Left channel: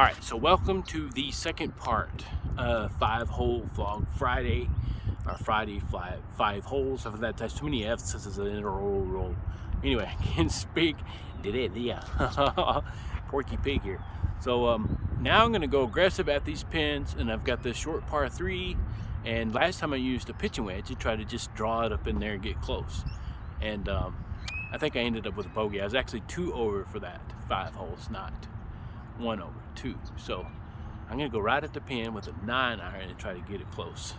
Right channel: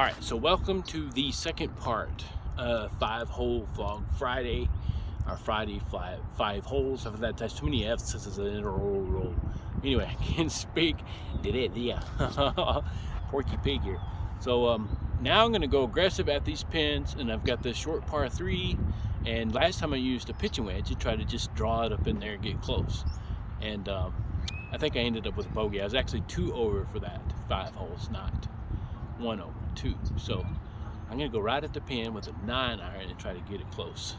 All right, so welcome to the second part of 5-hole vlog Friday. Our Friday five holes. I thought that's too many F's. This is an interroll. Anyway, I can't speak. Did it? Yeah. Porky pig here. So now I'm gonna go aggressive at these pins, and I've got this short par 3. And last time I used a pitching wedge to try to just draw it up in there and get close. And I think I ended up with a bogey. I was actually 2 over for that 5 holes, not 1 over 2. So I'm gonna go right at the pin with a 9-iron and try to get it close.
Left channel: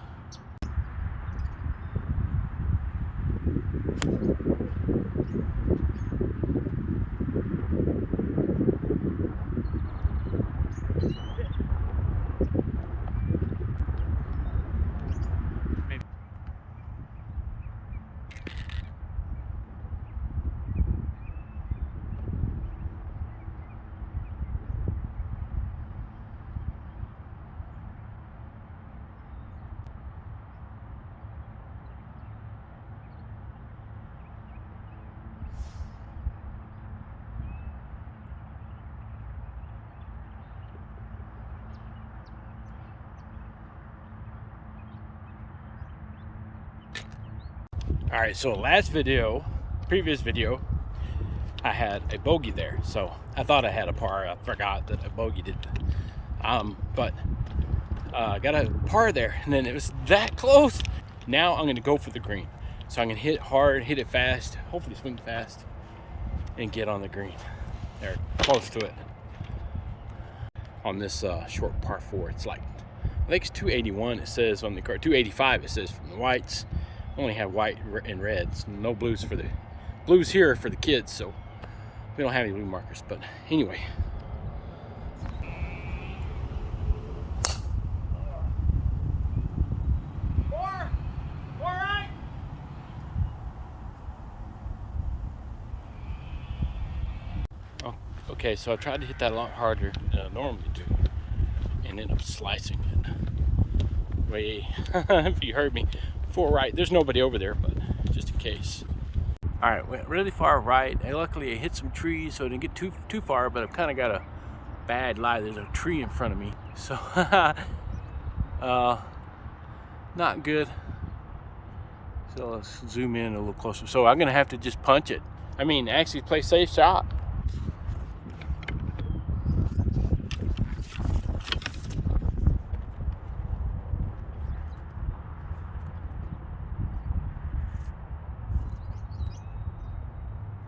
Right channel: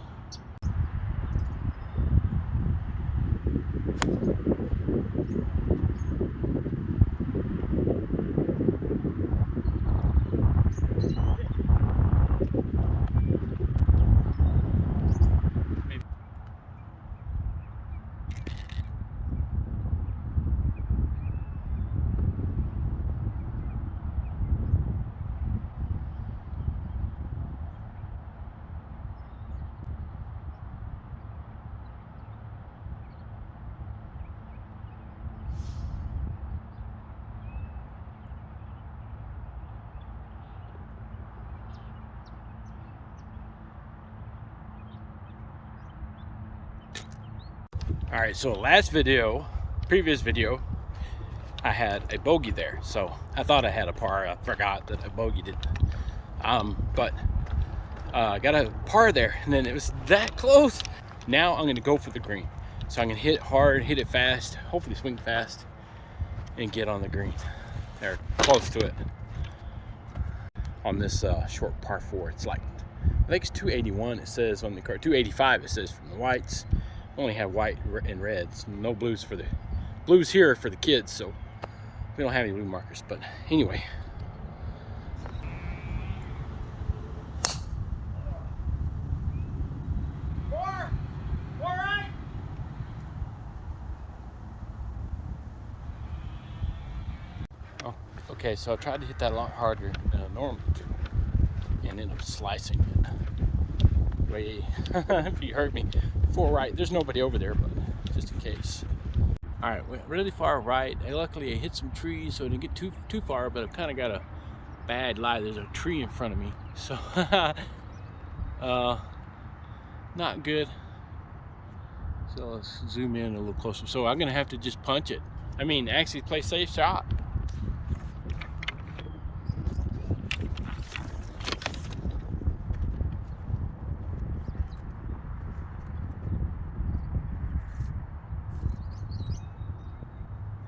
All right, so previous video, I had a bogey there. So I thought I had a par. I forgot that I bogeyed it. But I got a par there, and then it was that close. Now I'm gonna go for the green. So I'm gonna hit it hard, hit it fast, hopefully swing fast, and get on the green. They're close to it. On this short par 4, it's like, I think it's 281. It says on the card, 285. It says from the whites. Only have white and reds, no blues for the blues here for the kids, so we don't have any blue markers. But anyway, four right. Oh, okay, so I tried to hit that a lot harder than I normally do, and ended up slicing it way. If you heard me, 4 right. There's nobody over there, but just in case. All right, went really far right. And luckily I hit some trees, so I didn't get too far, but I've kind of got a bad lie. There's a tree in front of me, so not good. So let's zoom in a little closer. So I'm gonna have to just punch it. I mean, actually play safe shot.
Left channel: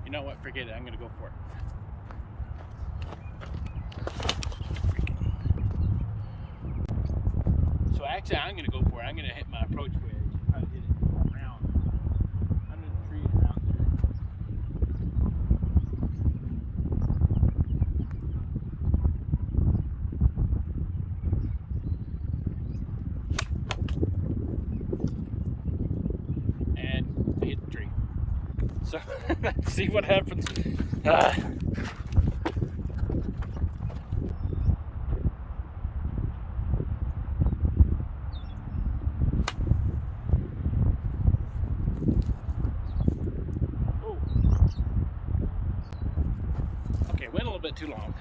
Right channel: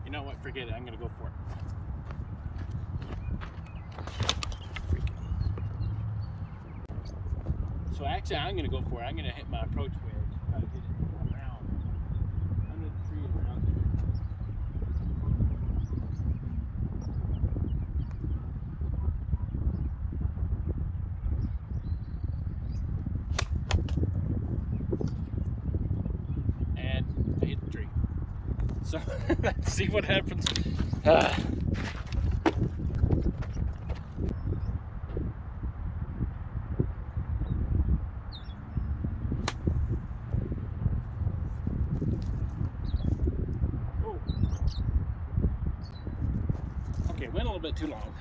You know what? Forget it. I'm gonna go for it. So actually, I'm gonna go for it. I'm gonna hit my approach wedge. Try to hit it around under the tree and around there. And I hit the tree. So let's see what happens. Okay, went a little bit too long.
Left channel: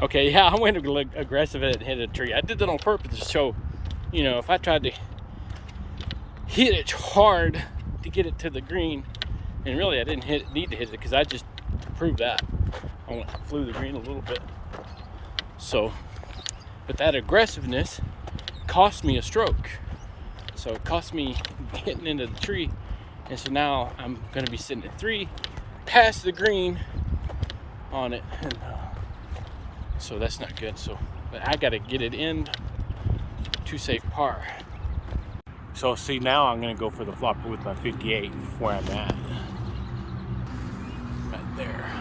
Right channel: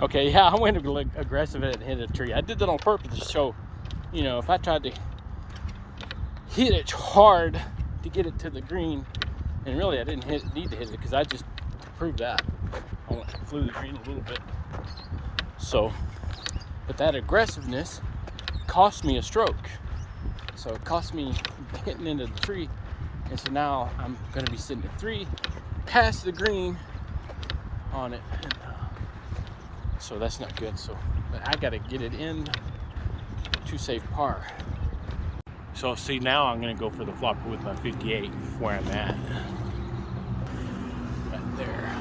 Okay, yeah, I went aggressive and hit a tree. I did that on purpose to show, you know, if I tried to hit it hard to get it to the green, and really I didn't need to hit it because I just proved that. I flew the green a little bit. So, but that aggressiveness cost me a stroke. So it cost me hitting into the tree. And so now I'm gonna be sitting at 3, past the green on it. And, so that's not good. So, but I gotta get it in to safe par. So see, now I'm gonna go for the flopper with my 58 where I'm at. Right there.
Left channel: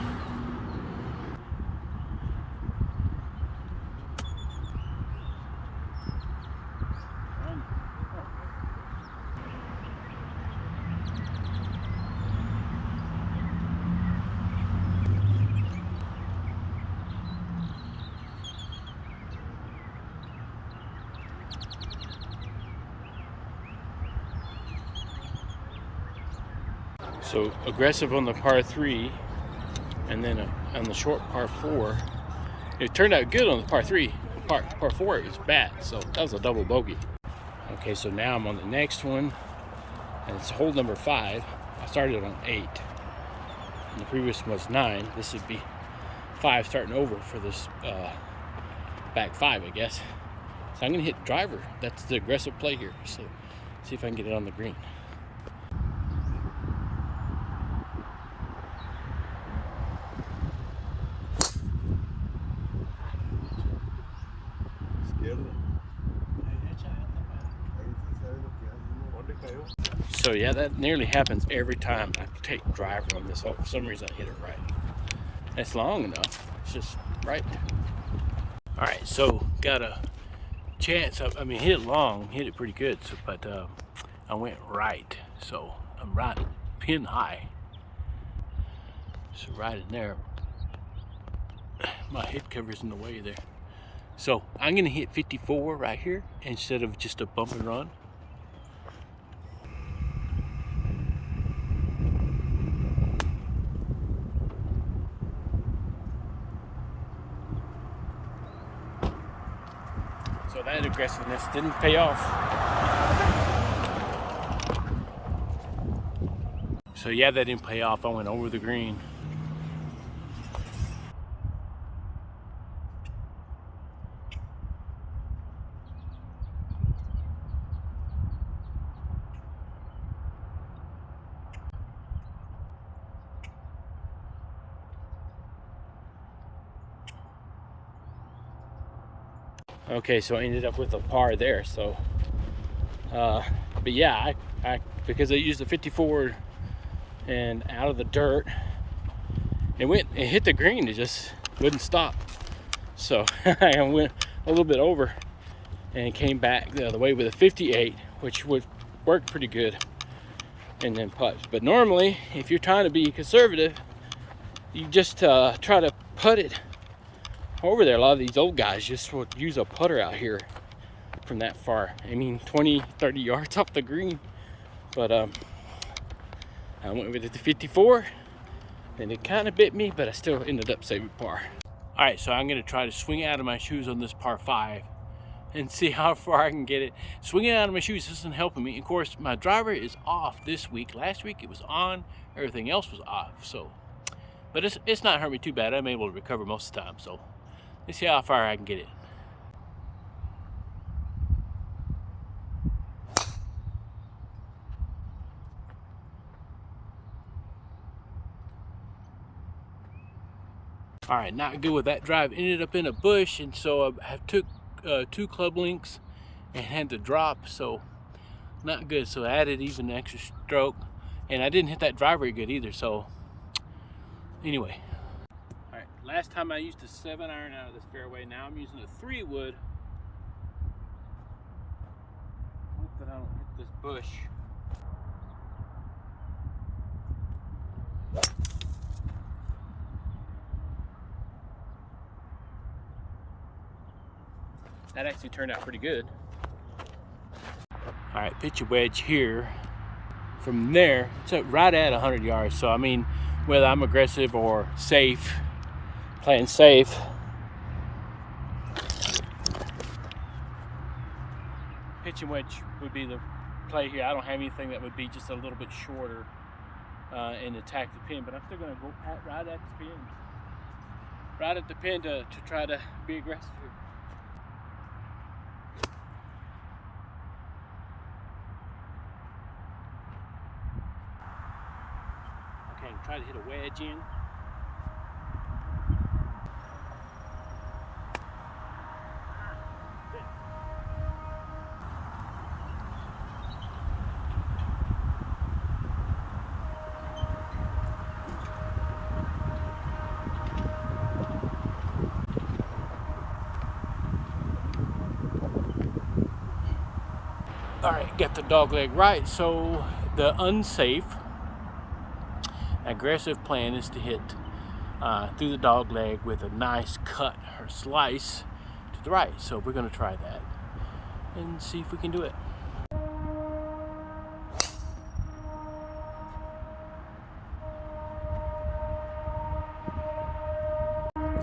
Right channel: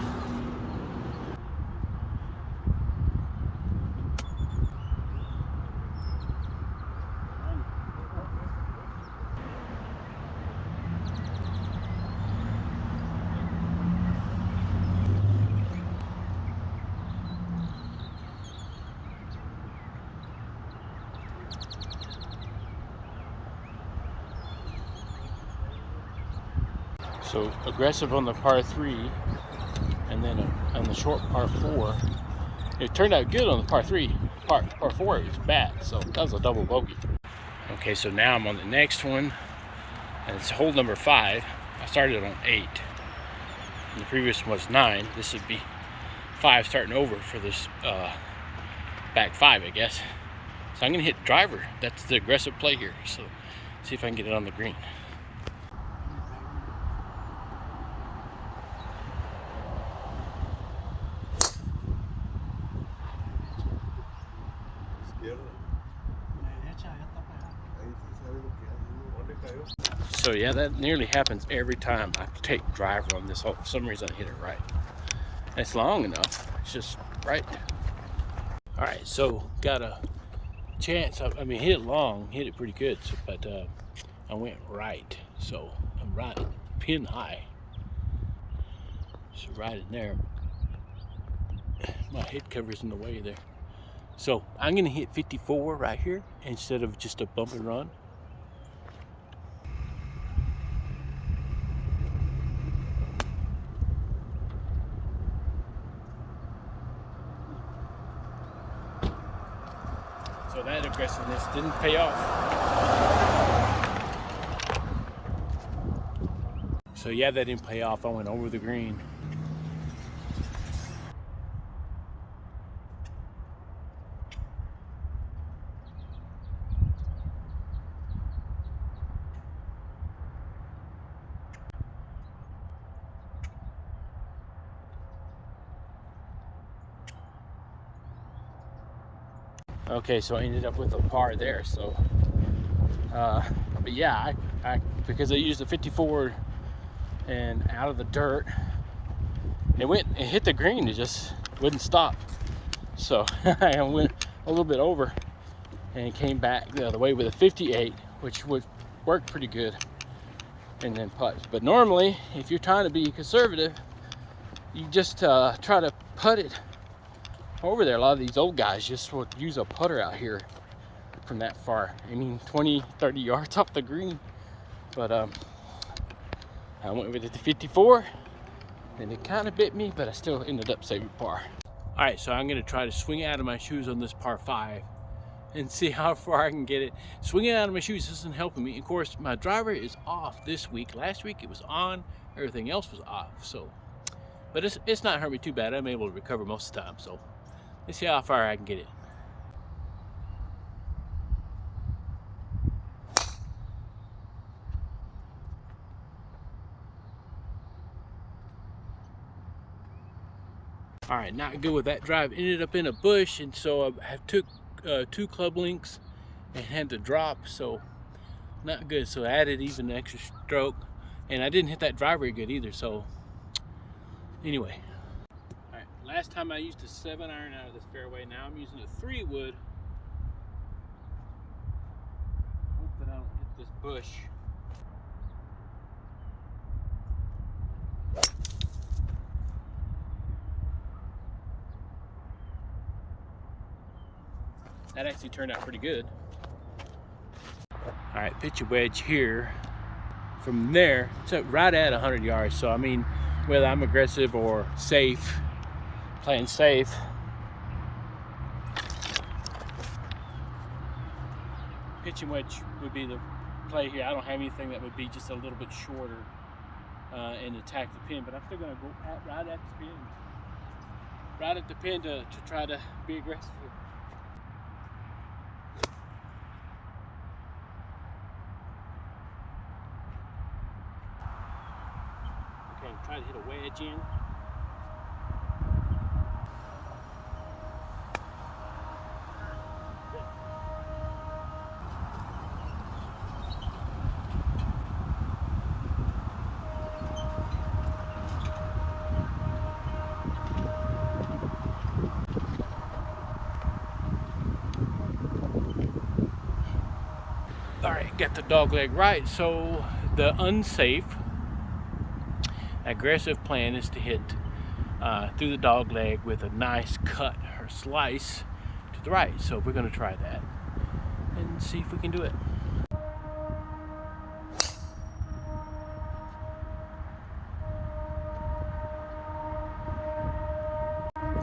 So aggressive on the par 3, and then on the short par 4. It turned out good on the par 3. Par 4 it was bad, so that was a double bogey. Okay, so now I'm on the next one, and it's hole number 5. I started on 8, and the previous one was 9. This would be 5 starting over for this back 5, I guess. So I'm gonna hit driver. That's the aggressive play here. So see if I can get it on the green. So yeah, that nearly happens every time I take driver on this hole. For some reason I hit it right. It's long enough, it's just right. All right, so got a chance. I mean, hit it long, hit it pretty good, so, but I went right. So I'm right pin high. So right in there, my head cover's in the way there. So I'm gonna hit 54 right here instead of just a bump and run. So that aggressiveness didn't pay off. So yeah, that didn't pay off. I went over the green. Okay, so I ended up with a par there. So, but yeah, I because I used the 54 and out of the dirt, it hit the green. It just wouldn't stop. So I went a little bit over and came back the other way with a 58, which would work pretty good, and then putt. But normally, if you're trying to be conservative, you just try to putt it over there. A lot of these old guys just would use a putter out here from that far. I mean, 20, 30 yards off the green. But I went with it to 54, and it kind of bit me, but I still ended up saving par. All right, so I'm gonna try to swing out of my shoes on this par 5 and see how far I can get it. Swinging out of my shoes isn't helping me. Of course, my driver is off this week. Last week it was on, everything else was off. So, but it's not hurt me too bad. I'm able to recover most of the time. So let's see how far I can get it. All right, not good with that drive. Ended up in a bush, and so I took 2 club links and had to drop, so not good. So I added even an extra stroke, and I didn't hit that drive very good either. So anyway. All right, last time I used a 7-iron out of this fairway. Now I'm using a 3-wood. Hope that I don't hit this bush. That actually turned out pretty good. All right, pitch a wedge here. From there, it's right at 100 yards. So I mean, whether I'm aggressive or safe, playing safe, pitch and wedge would be the play here. I don't have anything that would be just a little bit shorter and attack the pin, but I'm still gonna go right at the pin. Right at the pin to try to be aggressive here. Okay, try to hit a wedge in. All right, got the dog leg right. So the unsafe, aggressive plan is to hit through the dog leg with a nice cut or slice to the right. So we're gonna try that and see if we can do it.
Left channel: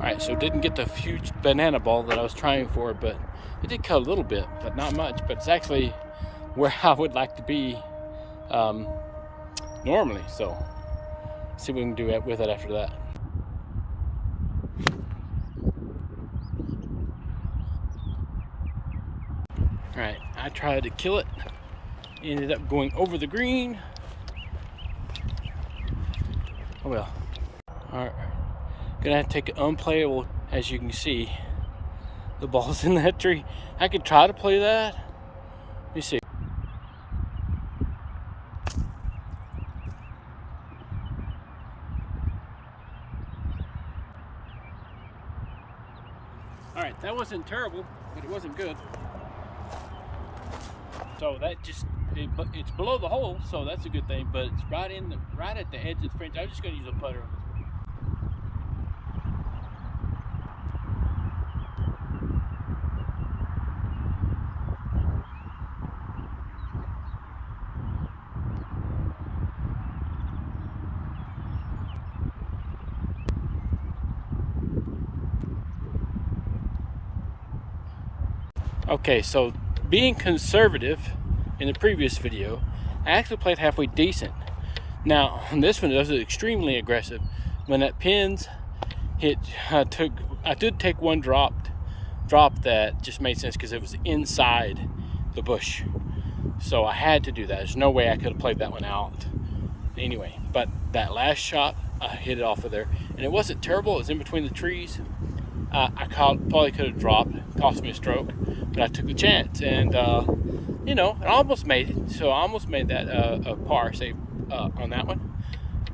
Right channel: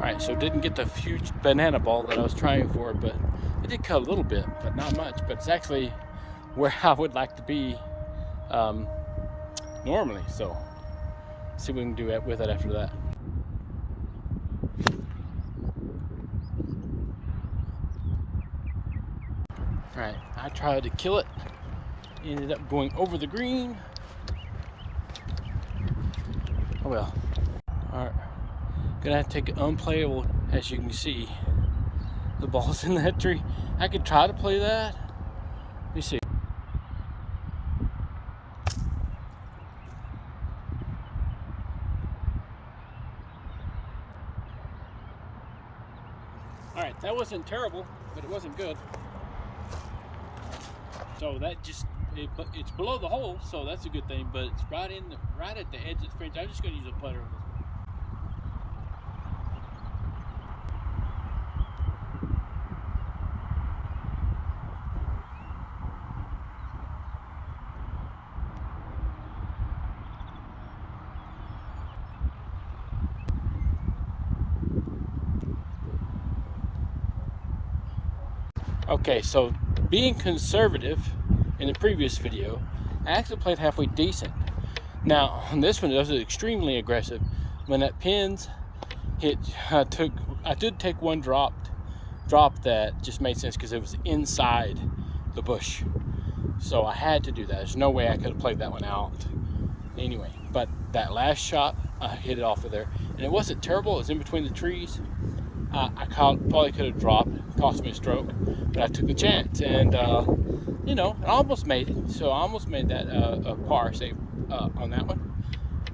Alright, so didn't get the huge banana ball that I was trying for, but it did cut a little bit, but not much. But it's actually where I would like to be normally. So see what we can do with it after that. Alright, I tried to kill it. Ended up going over the green. Oh well. Alright. Gonna have to take it unplayable. As you can see, the ball's in that tree. I could try to play that. Let me see. Alright, that wasn't terrible, but it wasn't good. So that just, it's below the hole, so that's a good thing, but it's right at the edge of the fringe. I'm just gonna use a putter on this. Okay, so being conservative in the previous video, I actually played halfway decent. Now, on this one, it was extremely aggressive. When that pins hit, I did take one drop that just made sense because it was inside the bush. So I had to do that. There's no way I could have played that one out anyway. But that last shot, I hit it off of there. And it wasn't terrible. It was in between the trees. I probably could have dropped, cost me a stroke, but I took the chance, and you know, I almost made it. So I almost made that a par save on that one.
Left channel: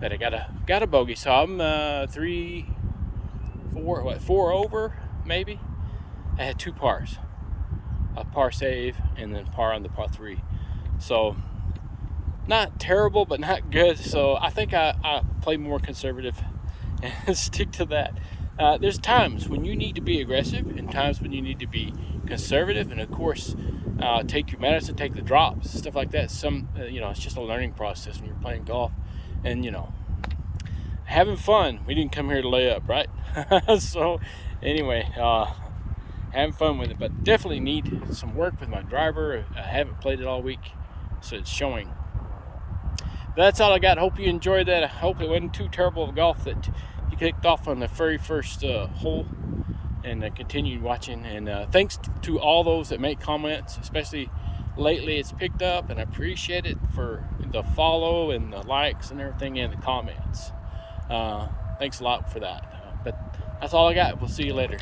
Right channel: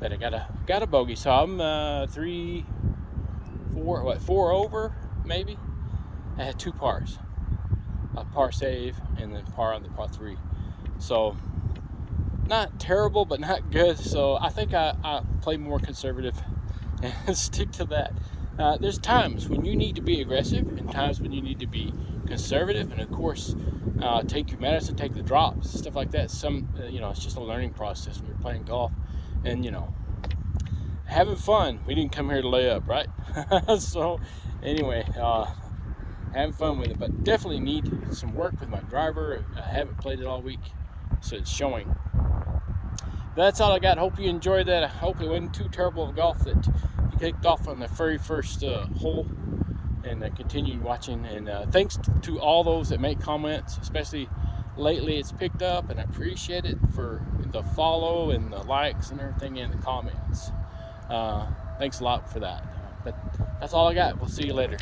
But I got a bogey, so I'm 4 over maybe. I had 2 pars, a par save and then par on the par 3. So not terrible, but not good. So I think I play more conservative and stick to that. There's times when you need to be aggressive and times when you need to be conservative, and of course take your medicine, take the drops, stuff like that. You know, it's just a learning process when you're playing golf, and you know, having fun. We didn't come here to lay up, right? So anyway, having fun with it, but definitely need some work with my driver. I haven't played it all week, so it's showing. That's all I got. Hope you enjoyed that. I hope it wasn't too terrible of golf that you kicked off on the very first hole, and continued watching. And thanks to all those that make comments, especially lately. It's picked up, and I appreciate it for the follow and the likes and everything and the comments. Thanks a lot for that. But that's all I got. We'll see you later.